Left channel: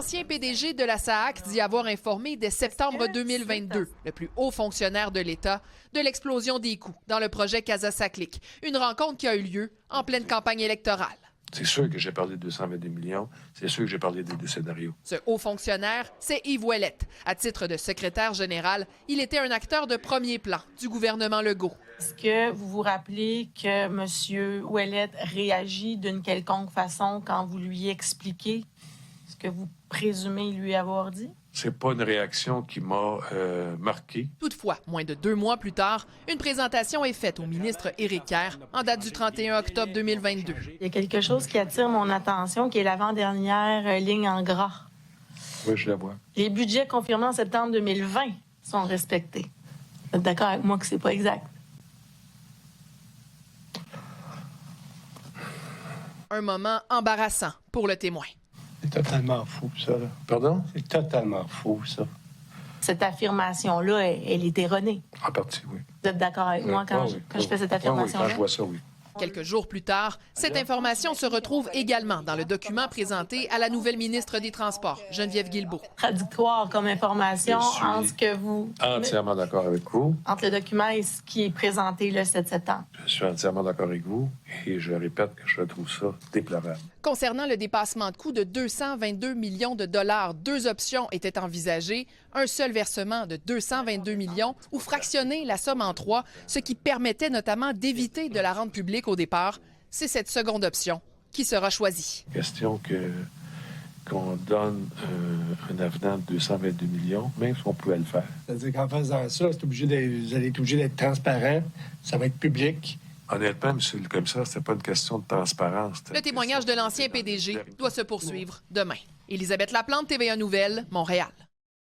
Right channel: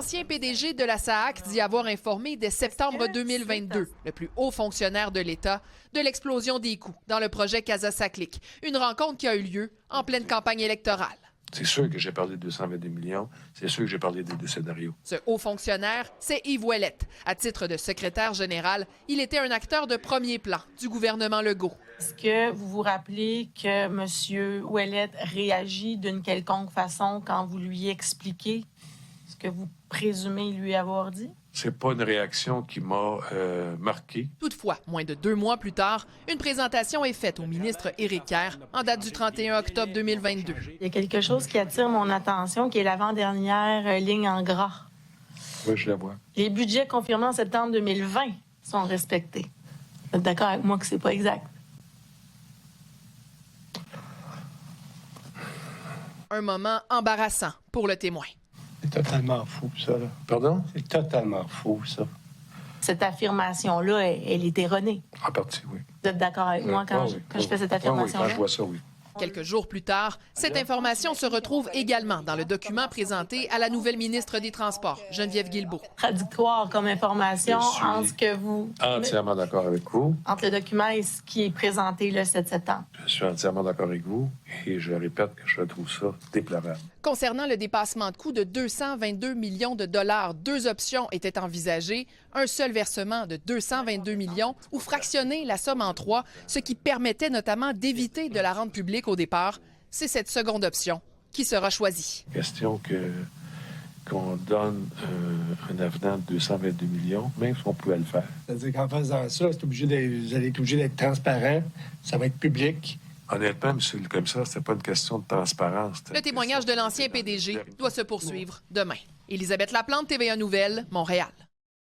L'ancien PDG de la SAAC dit avoir informé dès septembre 2022 le plus haut fonctionnaire de l'État de l'explosion des coûts dans le projet Casa-Saclic, une rencontre qui a eu lieu en pleine campagne électorale. C'est sûr que j'ai parlé de 222 millions. C'est sûr que j'ai parlé des deux scénarios. Ce haut fonctionnaire, c'est Yves Ouellette. À titre de secrétaire général, il était un acteur de premier plan du gouvernement Legault. Est-ce que vous vous rappelez que M. Ouellette réagit d'une quelconque façon quand vous lui expliquez ce que vous présumez lui avoir dit? C'est pas une réaction qui m'a marqué. Toutefois, moins de 2 mois plus tard, une présentation est faite au ministre Éric Kerr en date du 31 octobre 2022. Il y a quelque chose qui attire mon attention, qui est l'avant-dernière ligne en gras. Oui, je la vois. Les budgets confirmés en septembre 2020 sont respectés. Vous êtes d'accord avec moi que c'est pas exact? Un moment embarrassant pour le témoin. C'est totalement fou, ça. Là. Pardon? C'est totalement fou, ça. Cette affirmation-là, elle est erronée. En partie, oui. Vous êtes d'accord avec moi quand je fais cette affirmation-là? Oui, quand je vois ça, oui. Quelques jours plus tard, cette information se retrouve également dans le document présenté à la nouvelle ministre des Transports, Geneviève Guilbeault. Contradictoire comme information entre ce que vous... Entièrement d'accord avec vous. Entre le document et ce qui est présenté le 7 septembre. Je suis entièrement d'accord avec vous et je répète que je trouve ça déplorable. Concernant le dépassement de coûts de 222 millions de dollars, 2 options étaient envisagées. Un seul versement de 222 millions ou fractionner la somme en 3, ce qui permettait notamment d'éviter de la rendre publique au départ. C'est cette seconde option qui sera choisie. Question qu'on donne un avenant de 222 millions, même si on pouvait le faire. C'est-à-dire qu'en faisant ça, vous allez être obligé d'être transparent, ça va être public. Honnêtement, M. comme ça, c'était pas une question de transparence. Le témoignage de l'ancien PDG doit se poursuivre demain. Élisabeth Laplante, TVA Nouvelles, Montréal.